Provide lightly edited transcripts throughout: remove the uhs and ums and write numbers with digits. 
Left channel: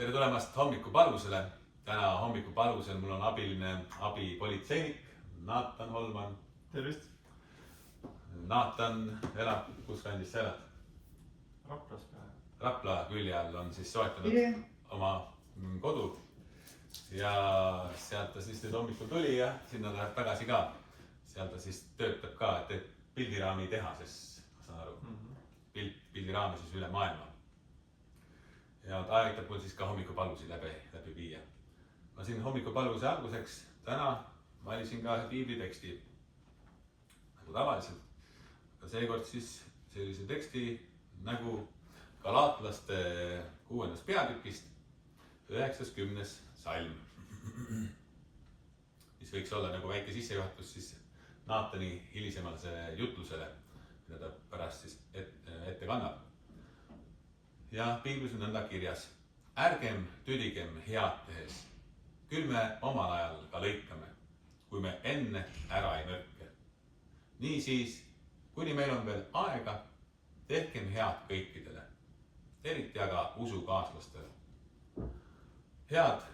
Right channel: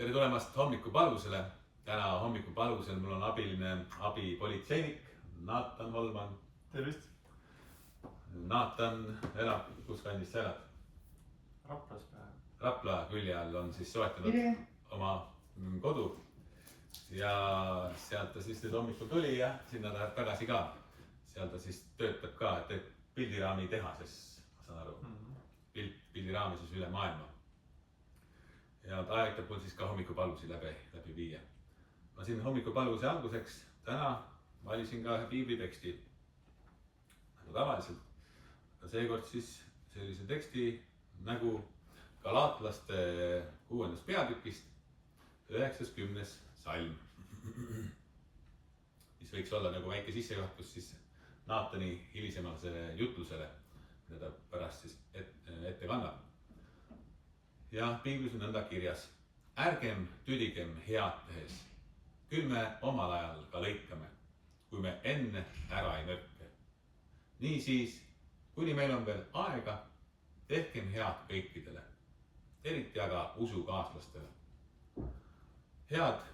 Tere tulemast hommikupalusele. Täna hommikupalusel mul on abipolitseinik Naatan Holman. Tervist! Naatan elab, kus kandis sa elad? Raplas päev. Rapla külje all on siis soetanud oma kodu. Ja sealt ta siis nüüd hommikul tuli ja sinna läheb tagasi ka. Seal ta siis töötab ka, teeb pildiraami tehases, ma saan aru. Pildiraami siis üle maailma. Ja ta aitab mul siis ka hommikupalusi läbi viia. Ma siin hommikupaluse alguseks täna valisin ka piibliteksti nagu tavaliselt. Aga seekord siis sellise teksti nagu Galaatlaste 6. peatükist 90. salm. Mis võiks olla nagu väike sissejuhatus siis Naatani hilisemale jutlusele, mida ta pärast siis ette kannab. Ja piiblis on nõnda kirjas: ärgem tüdigem head tehes, küll me omal ajal ka lõikame, kui me enne ära ei nõrke. Nii siis, kuni meil on veel aega, tehkem head kõikidele, eriti aga usukaaslastele. Head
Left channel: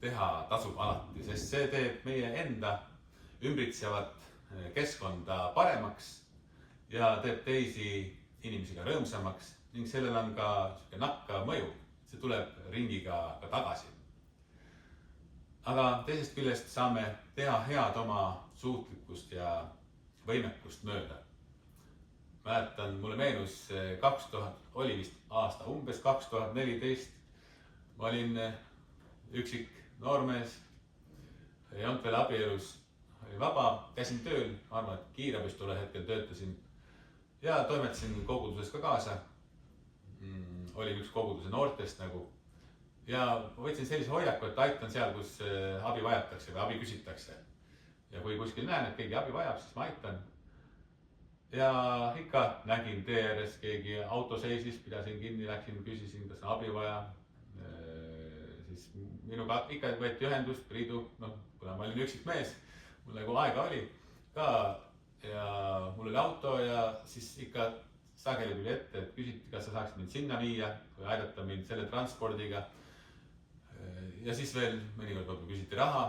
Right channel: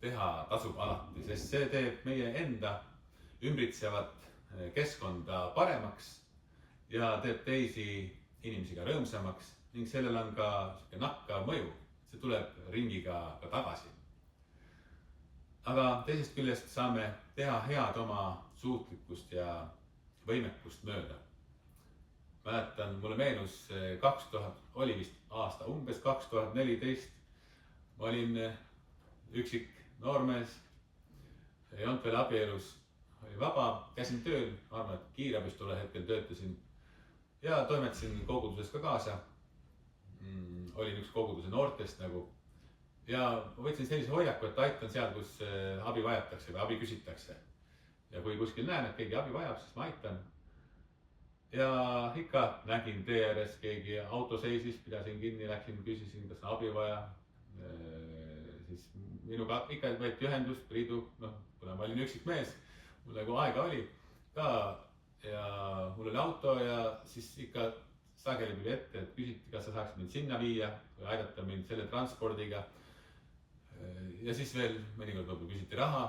teha tasub alati, sest see teeb meie enda ümbritsevat keskkonda paremaks ja teeb teisi inimesi ka rõõmsamaks ning sellel on ka nakkav mõju. See tuleb ringiga ka tagasi. Aga teisest küljest saame teha head oma suutlikkust ja võimekust mööda. Mäletan, mulle meenus oli vist aasta, umbes 2014. Ma olin üksik noormees, ei olnud veel abielus, oli vaba, käisin tööl, arvan, et kiirabis tolle hetkel töötasin ja toimetasin koguduses ka kaasa. Olin üks koguduse noortest nagu ja võtsin sellise hoiaku, et aitan seal, kus abi vajatakse või abi küsitakse. Ja kui kuskil näen, et keegi abi vajab, siis ma aitan. Ja ikka nägin tee ääres, keegi auto seisis, pidasin kinni, läksin, küsisin, kas on abi vaja. Siis minuga ikka võeti ühendust, Priidu, kuna ma olin üksik mees, mul nagu aega oli ka ja mul oli auto ja siis ikka sageli tuli ette, et küsiti, kas sa saaks mind sinna viia või aidata mind selle transpordiga. Ja siis veel mõnikord võib-olla küsiti raha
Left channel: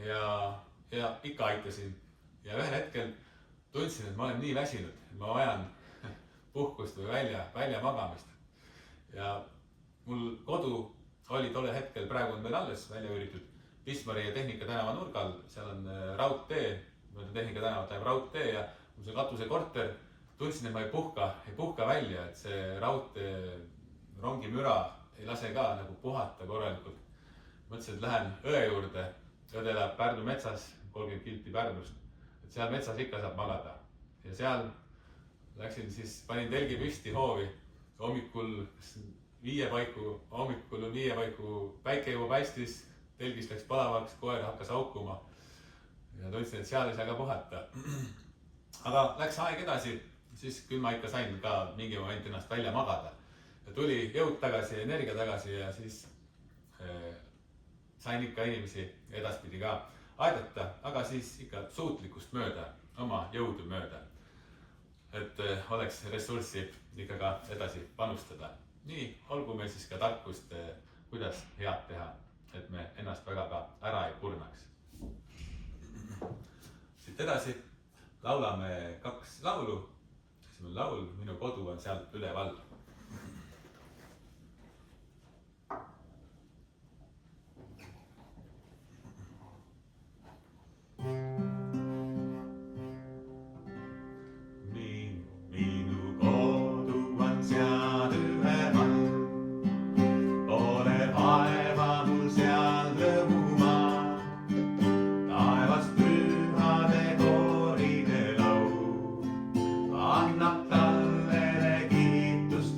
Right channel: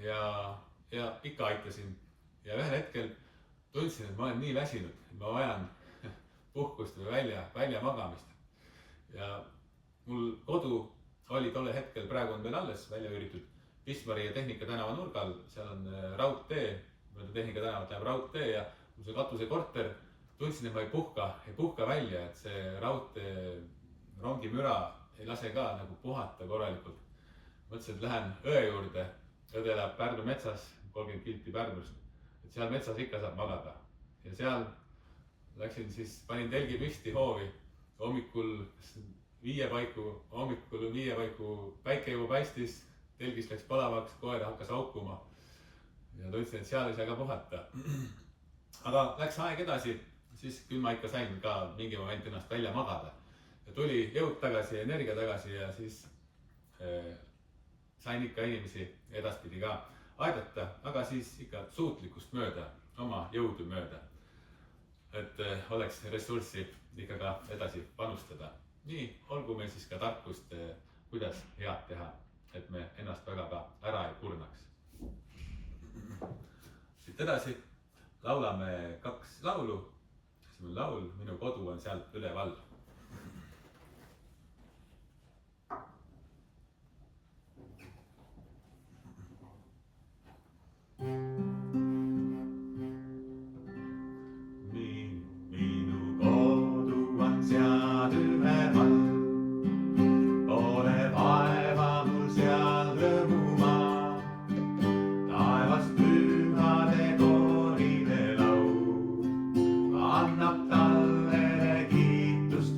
ja ikka aitasin. Ja ühel hetkel tundsin, et ma olen nii väsinud, et ma vajan puhkust või välja magamist. Ja mul kodu oli tolle hetkel, praegu on veel alles välja üüritud Pismari ja Tehnika tänava nurgal. Seal on raudtee, Tehnika tänavat läheb raudtee ja mul see katusekorter. Tundsin, et ma ei puhka välja, et see raudtee rongimüra ei lase ka nagu puhata korralikult. Mõtlesin, et lähen õe juurde. Õde elab Pärnu metsas, 30 kilti Pärnust. Et seal metsas ikka saab magada. Ja seal läksin siis, panin telgi püsti hoovi. Hommikul 5 paiku päike juba paistis. Telgis läks palavaks, koer hakkas haukuma. Ja tundsin, et seal ei saa ka puhata. Aga läks aeg edasi. Siis küll ma ikka sain ka mingi moment ennast välja magada. Ja tuli jõud tagasi ja energia tagasi ja siis sain ikka inimesi edaspidi ka aidata, aga siis ikka suutlikkust mööda, oma jõudu mööda. Et oleks ressurssi ikka ka edasi panustada. Nii olgu meil siis ka tarkust, kuidas head teha, et me ennast väga ka ära ei kurnaks. Siit edasi laulame 2 laulu. Esimene laul, Minu kodu on sealt üleval. Minu kodu on seal üleval, pole vaeva mul seal rõõmumaa. Taevast pühade kooride laul annab talle kiitus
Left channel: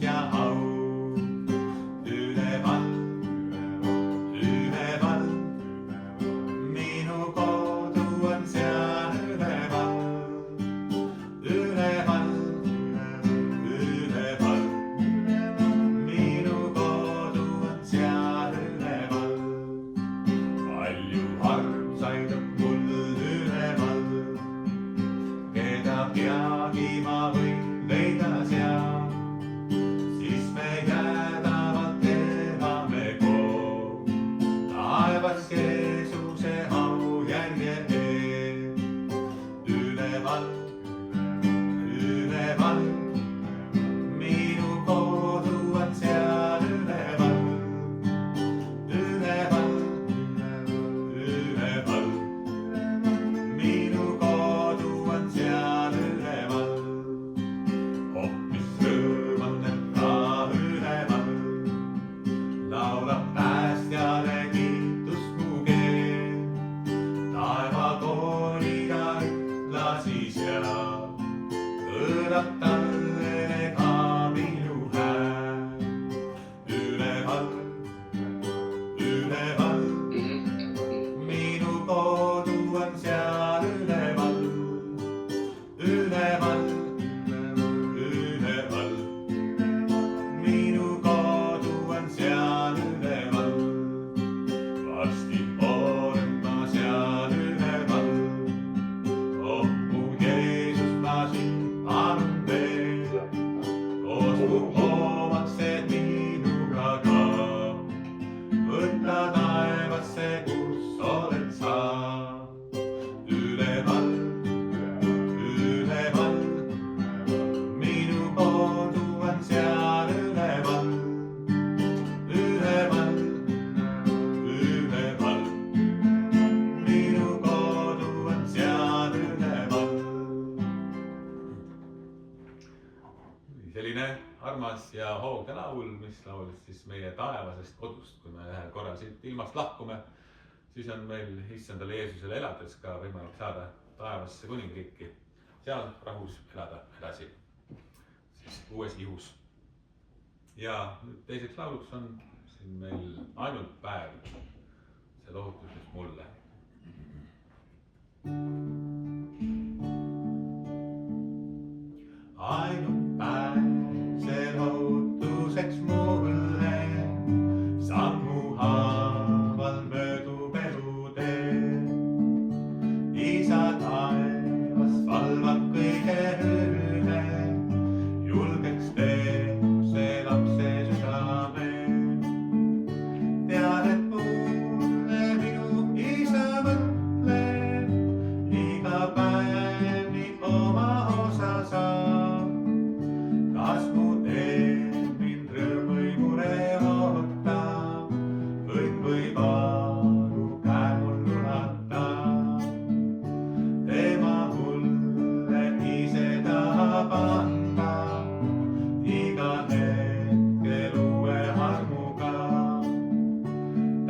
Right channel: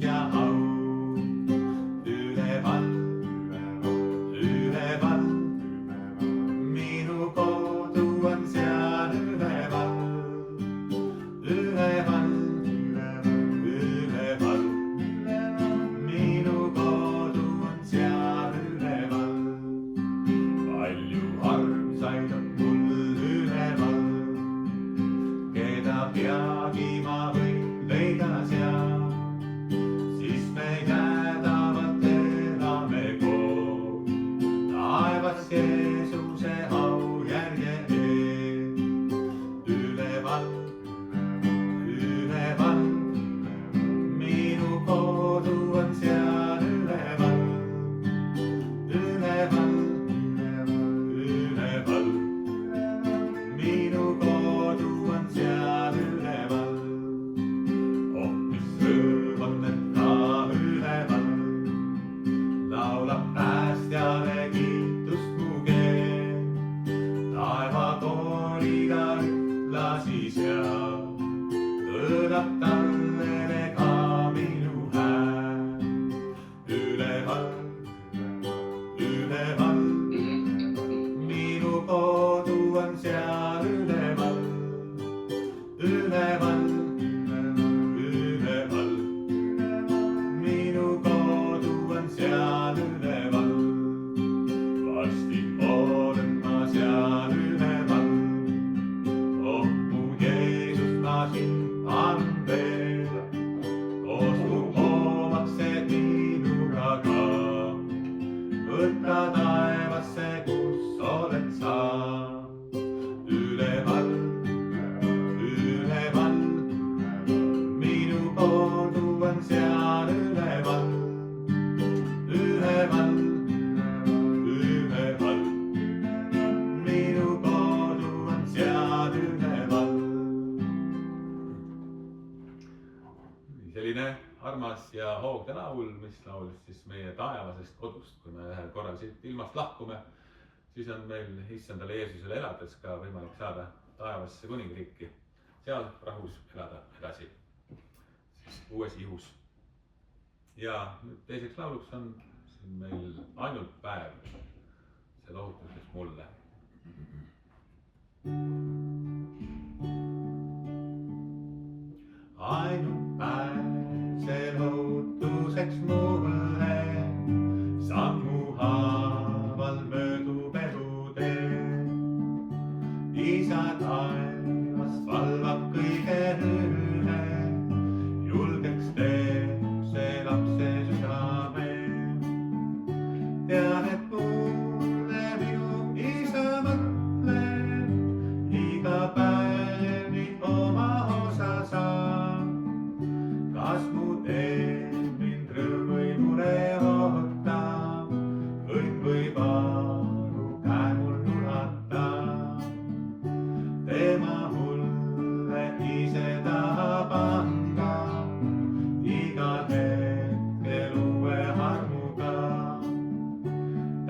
laul, mis laulis siis meie taevasest kodust, kui me ühel korral siit ilmast lahkume, siis on meil issandale Jeesusele elades ka võimalik saada taevasse kuningriiki, seal rahus elada edasi, siis uues ihus. Ja teiseks lauluks on siin meil ainult päev, see lohutus, mis mulle. Ainult päev, see lohutuseks mulle, sammu haaval möödub elutee. Isa taevas valvab kõige üle, julgeks teeb see lapse südame. Tean, et mulle minu isa mõtleb, iga päev nii oma osa saab. Kas mu teed mind rõõm või mure ootab, õnn või valu käe mul nulatab. Tema mulle ise tahab anda, igal hetkel uue armuga.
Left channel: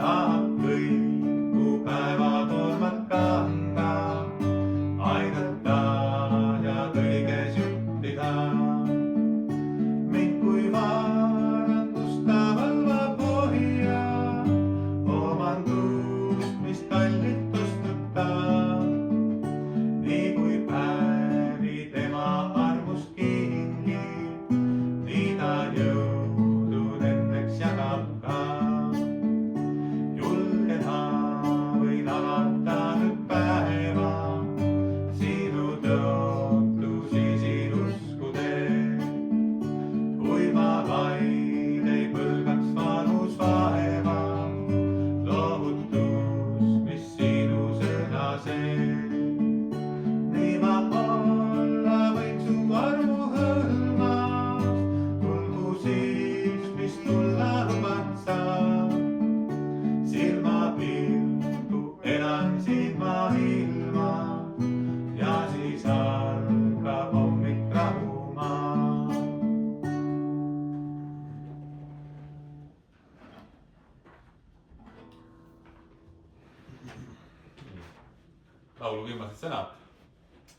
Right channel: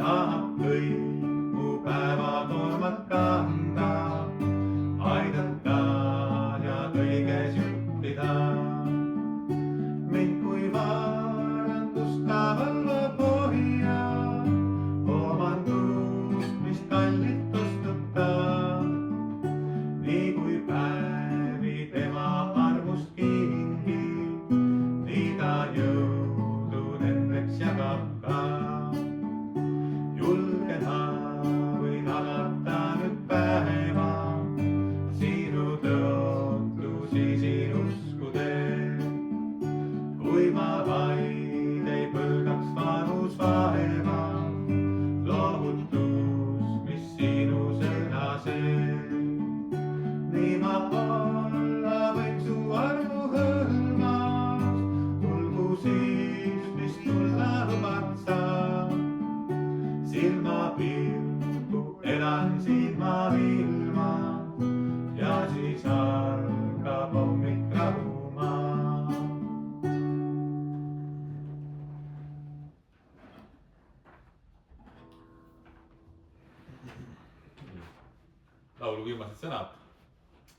Tahab kõik mu päevad omad kanda, aidata ja kõiges juhtida. Mind kui varandust ta valvab hoia, omandust, mis kallilt ostutab. Nii kui päevi tema armust kingib, nii ta jõudu nendeks jagab ka. Julgena võin alata nüüd päeva, sinu tõotlusi siin uskudes. Kui ma vaid ei põlgaks vanus vaeva, lohutus, mis sinu sõna sees. Nii ma olla võin su armu hõlmas, tulgu siis, mis tulla lubad sa. Silmapilku elan silma ilma ja siis algab hommik rahumaa. Laulu viimased sõnad.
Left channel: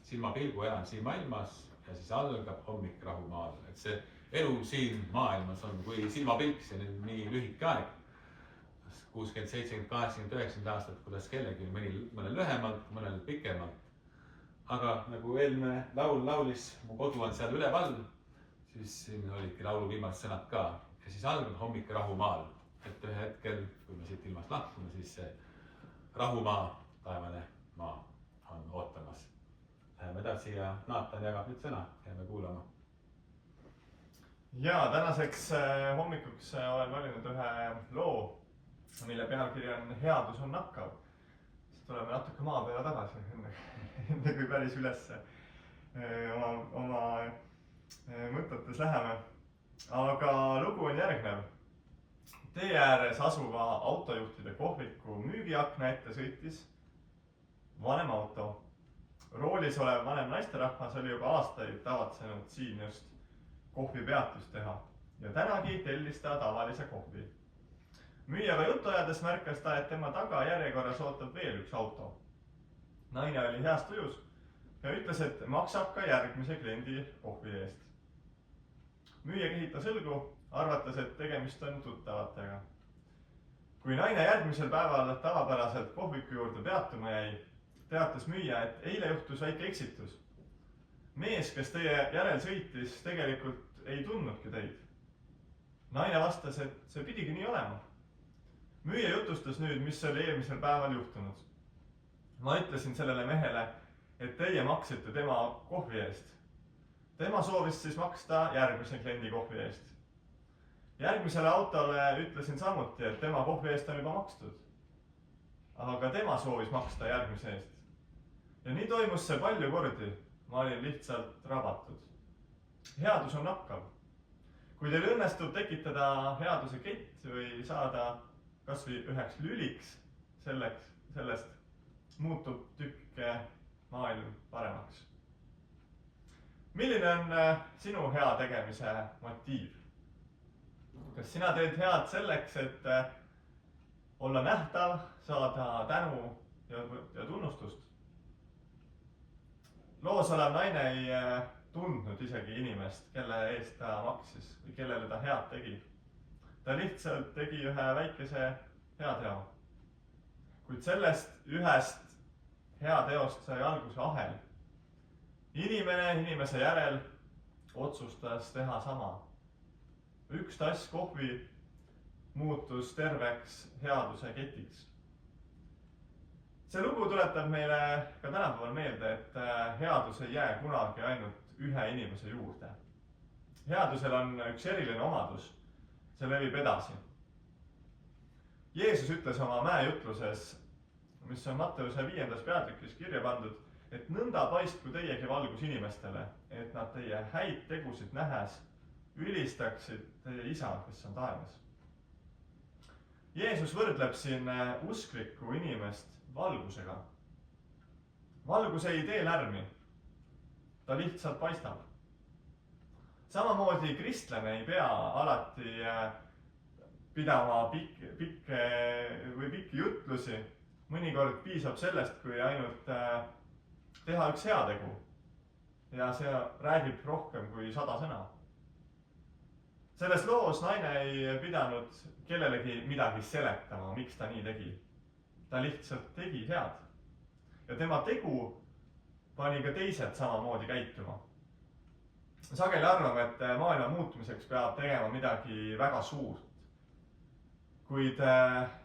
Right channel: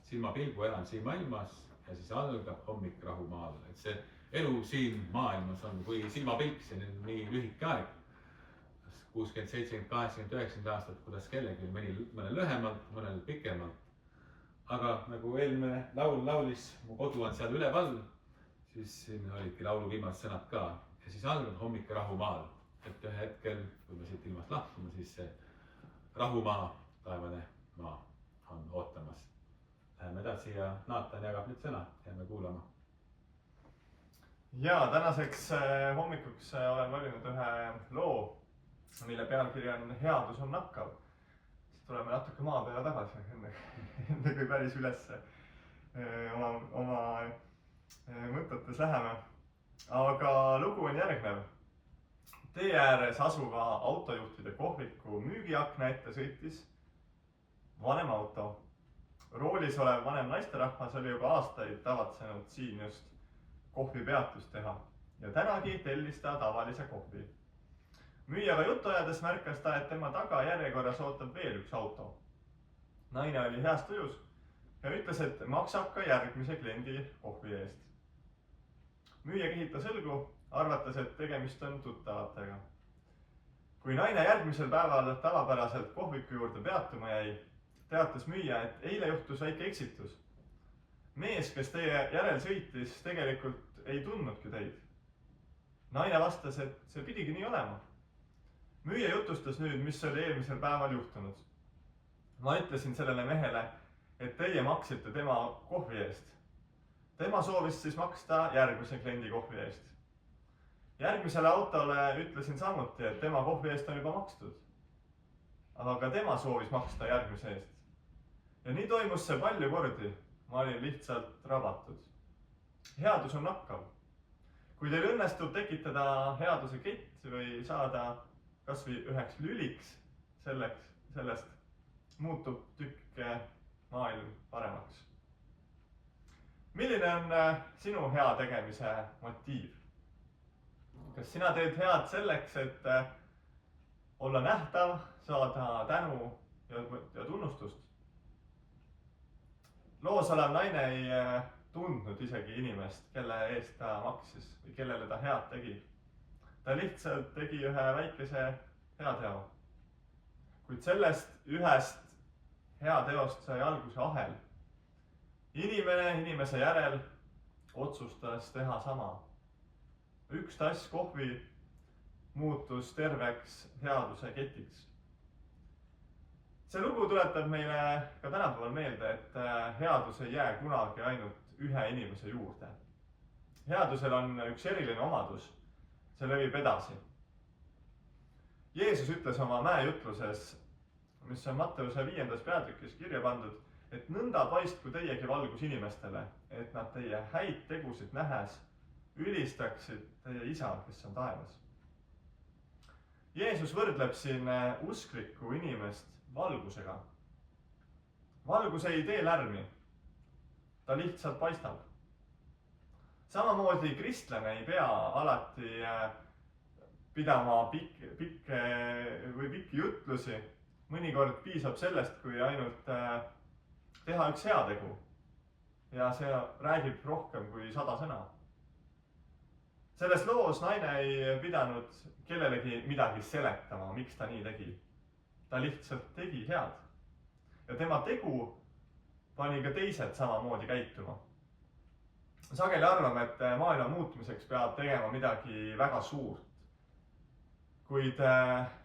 Silmapilgu elan silma ilmas ja siis algab hommik rahumaal. Et see elu siin maailmas on kui silmapilk, see on nii lühike aeg. 60, 70, 80, 90 aastat, kuidas kellegi, mõnel lühemalt, mõnel pikemalt. Aga nagu eelmine laul laulis, mu kodu on seal üleval, siis siin olidki laulu viimased sõnad ka. Ja siis algab hommik rahumaal. Et ühe hetkel, kui me siit ilmast lahkume, siis see rahumaa, taevane maa on ootamas. Läheme edasi ja Naatan jagab nüüd sõna, jääme kuulama. Ja tänaseks hommikuks olen valinud ühe loo, mille pealkiri on Headus on nakkav. Siis tuleme natuke maa peale tagasi, enne kui päris ülesse oma mõtetes läheme. Aga lugu on järgnev. Tee ääres asuva autojuhtide kohviku müügiakna ette sõitis vanem auto. Roolis olev vanem naisterahvas oli juba aastaid tavatsenud siin just kohvipeatust teha ja tänagi tellis ta tavalise kohvi. Müüjaga juttu ajades märkas ta, et tema taga järjekorras ootab veel üks auto. Naine oli heas tujus ja ütles, et maksab ka järgmise kliendi kohvi eest. Müüja kehitas õlgu, arvates, et tegemist on tuttavatega. Kui naine järgmisel päeval tavapäraselt kohviku juurde peatuma jäi, teatas müüja, et eile juhtus väike eksitus. Mees, kes teie järel sõitis, tegelikult ei tundnudki teid. Naine vastas, et see pidigi nii olema. Müüja jutustas nüüd, mis oli eelmisel päeval juhtunud. Ma ütlesin sellele mehele, et teie maksite tema kohvi eest. Tema soovis siis maksta järgmise kliendi kohvi eest. Järgmisele autole ütlesin samuti, et tema kohvi eest on juba makstud. Aga tema soovis maksta järgmise eest. Ja nii toimus see palju kordi. Ma olin lihtsalt rabatud. Headus on nakkav. Kui teil õnnestub tekitada headuse kett või saada kas või üheks lüliks sellest, muutub tükk maailm paremaks. Milline on sinu hea tegemise motiiv? kas sina teed head selleks, et olla nähtav, saada tänu ja tunnustust? Loos olev naine ei tundnud isegi inimest, kelle eest ta maksis või kellele ta head tegi. Ta lihtsalt tegi ühe väikese heateo. Kuid sellest ühest heateost sai alguse ahel. Inimene inimese järel otsustas teha sama. Üks tass kohvi muutus terveks headuse ketiks. See lugu tuletab meile ka tänapäeval meelde, et headus ei jää kunagi ainult ühe inimese juurde. Headusel on üks eriline omadus, see levib edasi. Jeesus ütles oma mäejutluses, mis on Matteuse 5. peatükis kirja pandud, et nõnda paistku teiegi valgus inimestele, et nad teie häid tegusid nähes ülistaksid teie isa, kes on taevas. Jeesus võrdleb siin usklikku inimest valgusega. Valgus ei tee lärmi, ta lihtsalt paistab. Samamoodi kristlane ei pea alati pidama pikki jutlusi. Mõnikord piisab sellest, kui ainult teha üks heategu ja see räägib rohkem kui 100 sõna. Selles loos naine ei pidanud kellelegi midagi seletama, miks ta nii tegi. Ta lihtsalt tegi head. Ja tema tegu pani ka teised samamoodi käituma. Sageli arvame, et maailma muutumiseks peab tegema midagi väga suurt. Kuid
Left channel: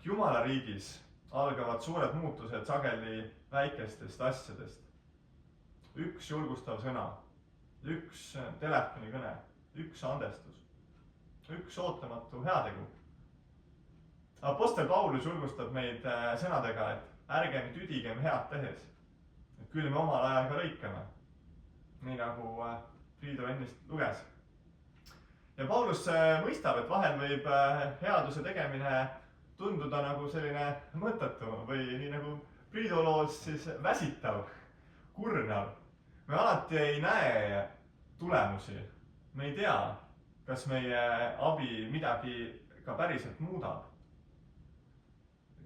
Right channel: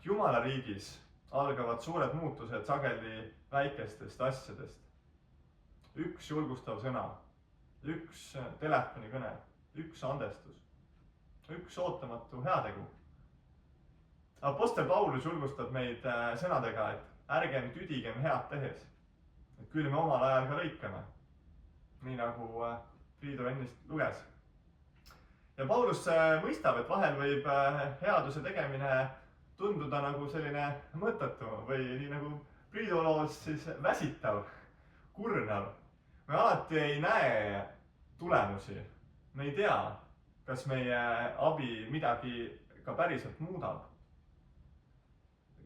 Jumala riigis algavad suured muutused sageli väikestest asjadest. Üks julgustav sõna, üks telefonikõne, üks andestus, üks ootamatu heategu. Apostel Paulus julgustab meid sõnadega, et ärgem tüdigem head tehes, et küll me omal ajal ka lõikame, nii nagu Priido ennist luges. Ja Paulus mõistab, et vahel võib headuse tegemine tunduda nagu selline mõttetu või nii nagu Priido loos siis väsitav, kurnav. Me alati ei näe tulemusi. Me ei tea, kas meie abi midagi ka päriselt muudab.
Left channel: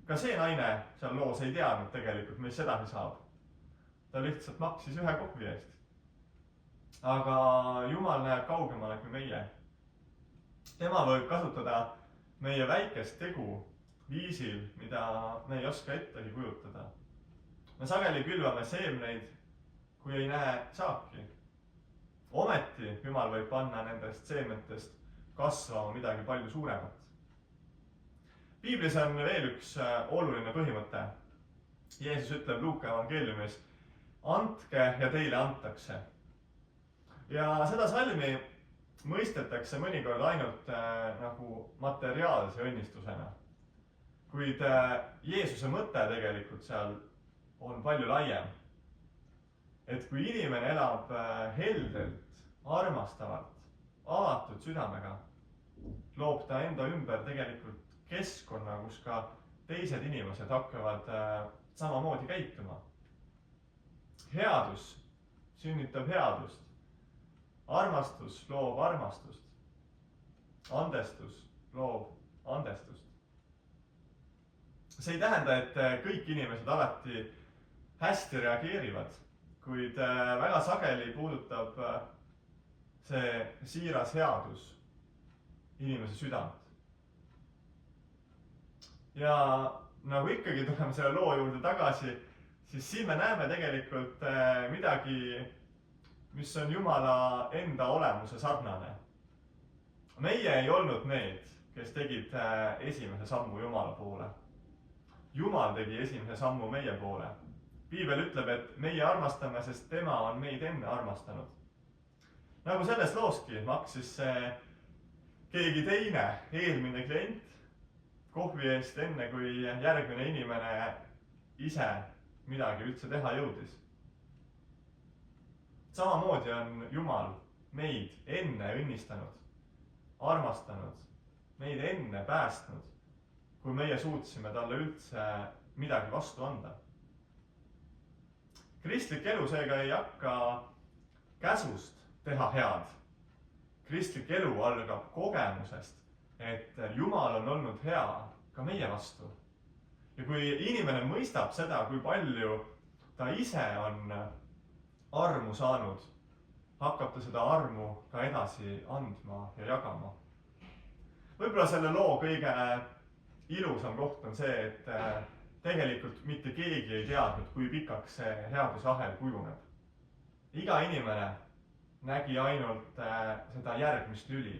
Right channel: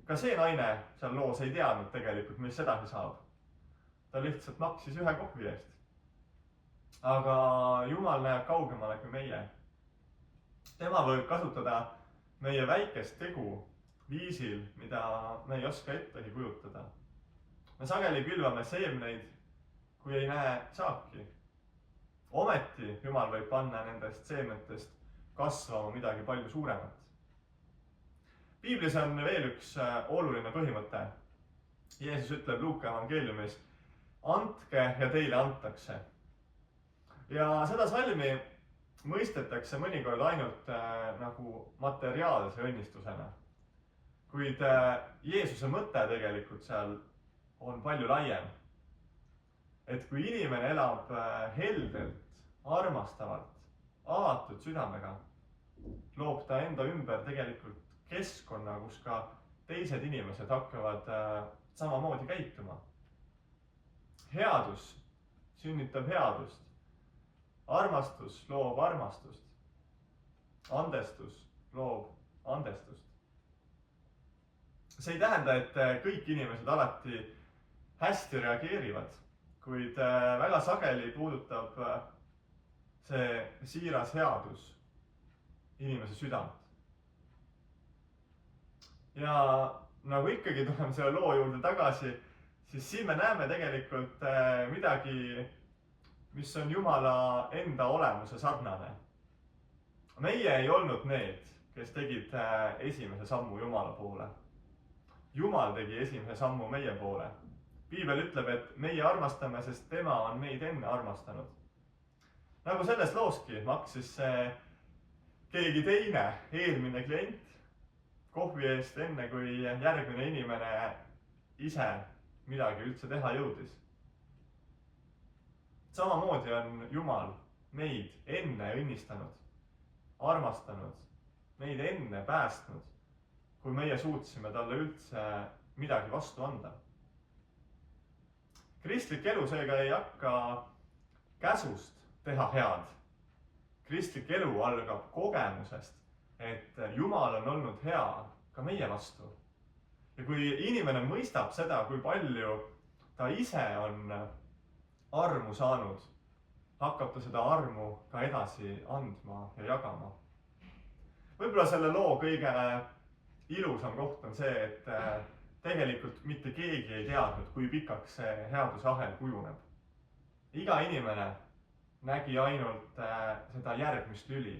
Ka see naine seal loos ei teadnud tegelikult, mis sedasi saab. Ta lihtsalt maksis ühe kohvi eest. Aga Jumal näeb kaugemale kui meie. Tema võib kasutada meie väikest tegu viisil, mida me ei oska ettegi kujutada. Me sageli külvame seemneid, kui ei näe saaki. Ometi Jumal võib panna nendest seemnetest kasvama midagi palju suuremat. Piiblis on veel üks oluline põhimõte. Jeesus ütleb Luuka evangeeliumis, andke ja teile antakse. Ja seda salmi mõistetakse mõnikord ainult nagu materiaalse õnnistusena. Kuid Jeesuse mõte tegelikult seal on palju laiem. Et kui inimene elab heldelt, armastavalt, avatud südamega, loob ta enda ümber tegelikult keskkonna, kus ka teised inimesed hakkavad samamoodi käituma. Headus sünnitab headust. Armastus loob armastust. Andestus loob andestust. See ei tähenda, et kõik inimesed alati hästi reageerivad, kuid väga sageli puudutab see siiras headus inimese südant. Ja nagu ikkagi tuleme selle loo juurde tagasi, siis siin me näeme tegelikult midagi, mis on Jumala enda olemuse sarnane. Meie ei olnud need, kes tegid esimese sammu Jumala poole. Jumal tegi esimese sammu meie poole. Piibel ütleb, et meie armastame, sest tema on meid enne armastanud. Nagu selles looski maksis keegi teine, eelmine klient, kohvi eest enne, kui järgmine inimene ise midagi üldse teha jõudis. Samamoodi on Jumal meid enne õnnistanud, armastanud, meid enne päästnud, kui meie suutsime talle üldse midagi vastu anda. Kristlik elu seega ei hakka käsust teha head. Kristlik elu algab kogemusest, et Jumal on olnud hea ka meie vastu. Ja kui inimene mõistab seda, kui palju ta ise on armu saanud, hakkab ta seda armu ka edasi andma ja jagama. Võib-olla selle loo kõige ilusam koht on see, et tegelikult mitte keegi ei teadnud, kui pikaks see headusahel kujuneb. Iga inimene nägi ainult seda järgmist lüli.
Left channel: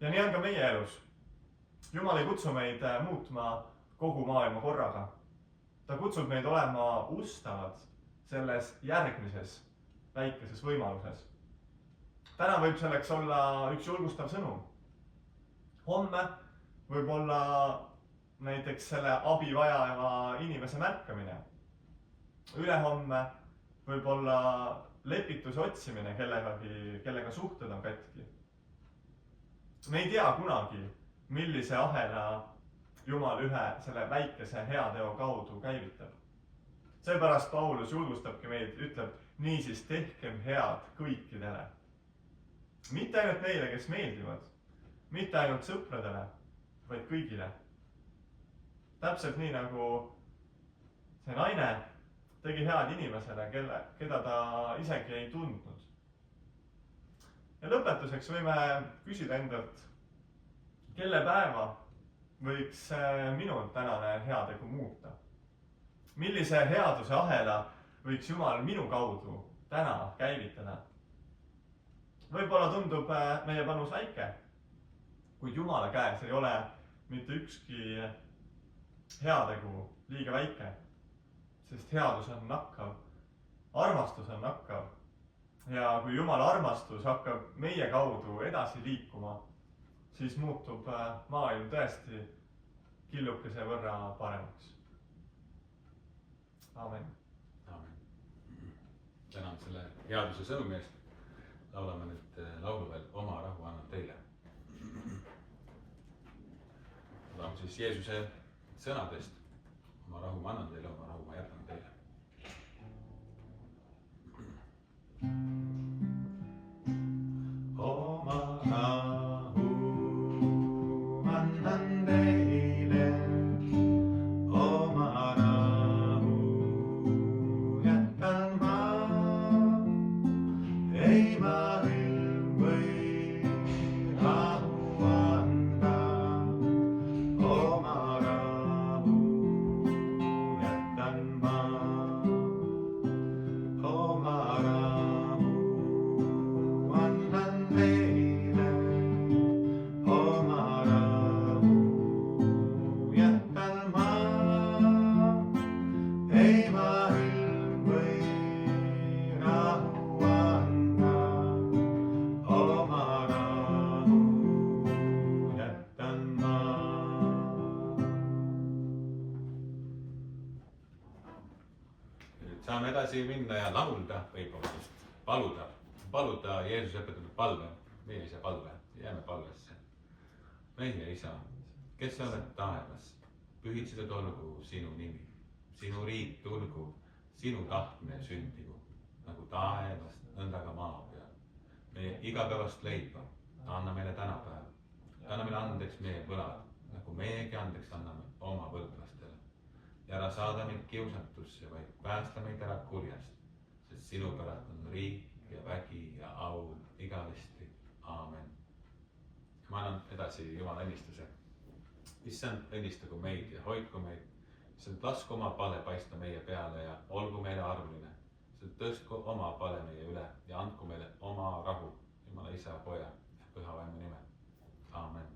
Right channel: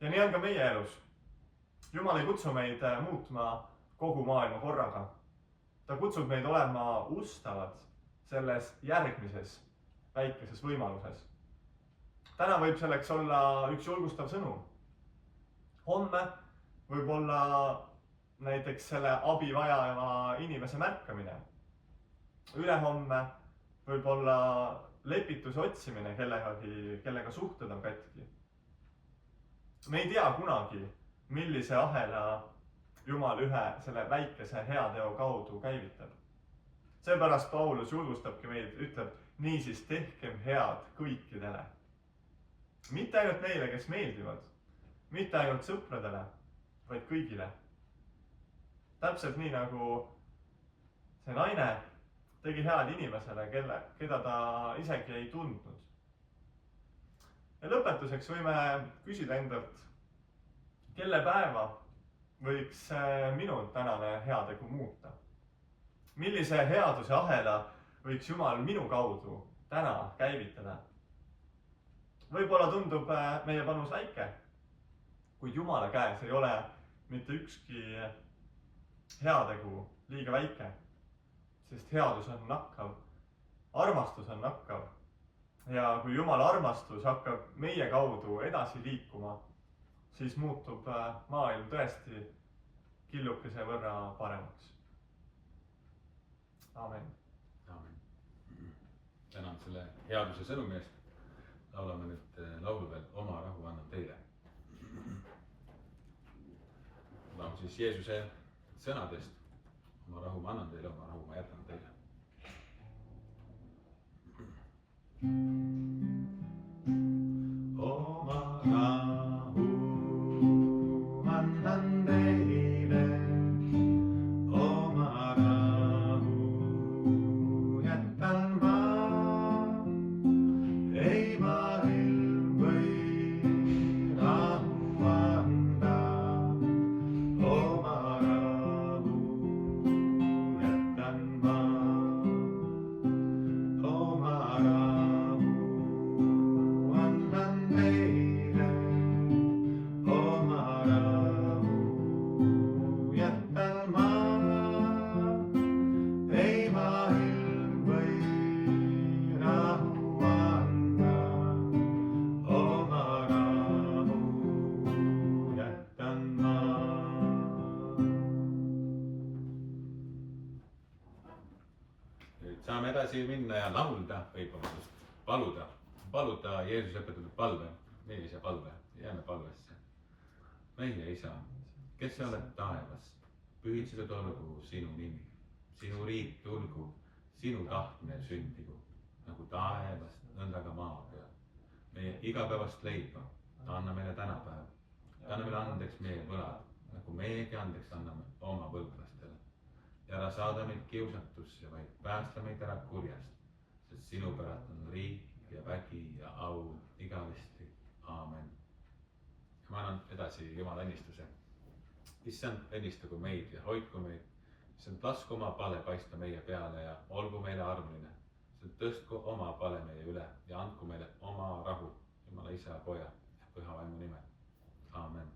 Ja nii on ka meie elus. Jumal ei kutsu meid muutma kogu maailma korraga. Ta kutsub meid olema ustavad selles järgmises väikeses võimaluses. Täna võib selleks olla üks julgustav sõnum. Homme võib olla näiteks selle abi vajava inimese märkamine. Ülehomme võib olla lepituse otsimine kellega suhted on katki. Me ei tea kunagi, millise ahela Jumal ühe selle väikese heateo kaudu käivitab. Seepärast Paulus julgustabki meid, ütleb, niisiis tehkem head kõikidele. Mitte ainult neile, kes meeldivad, mitte ainult sõpradele, vaid kõigile. Täpselt nii nagu see naine tegi head inimesele, keda ta isegi ei tundnud. Ja lõpetuseks võime küsida endalt, kelle päeva võiks minu tänane heategu muuta? Millise headuse ahela võiks Jumal minu kaudu täna käivitada? Võib-olla tundub meie panus väike, kuid Jumala käes ei ole mitte ükski heategu liiga väike, sest headus on nakkav, armastus on nakkav. Ja kui Jumala armastus hakkab meie kaudu edasi liikuma, siis muutub maailm tõesti killukese võrra paremaks. Aamen. Tänan selle headuse sõnumi eest. Laulame nüüd laulu veel Oma rahu annan teile. Laulame siis Jeesuse sõnadest. Oma rahu ma annan teile, oma rahu ma jätan teile. Oma rahu annan teile, oma rahu jätan ma. Ei vahel või rahu anda, oma rahu jätan ma. Oma rahu annan teile, oma rahu jätan ma. Ei vahel või rahu anda, oma rahu jätan ma. Nüüd saame edasi minna ja laulda või paluda Jeesus õpetatud palve, millise palve, jääme palvesse. Meie Isa, kes sa oled taevas, pühitsetud olgu sinu nimi, sinu riik tulgu, sinu tahtmine sündigu, nagu taevas, nõnda ka maa peal. Meie igapäevast leiba, anna meile tänapäev, anna meile andeks meie võlad, nagu meiegi andeks anname oma võlglastele. Ja ära saada meid kiusatusse, vaid päästa meid ära kurjast, sest sinu pärast on riik ja vägi ja au igavesti. Aamen. Ma annan edasi Jumala õnnistuse. Issand, õnnistagu meid ja hoidku meid. Issand, lasku oma pale paista meie peale ja olgu meile armuline. Issand, tõstku oma pale meie üle ja andku meile oma rahu Jumala Isa, Poja ja Püha Vaimu nimel. Aamen.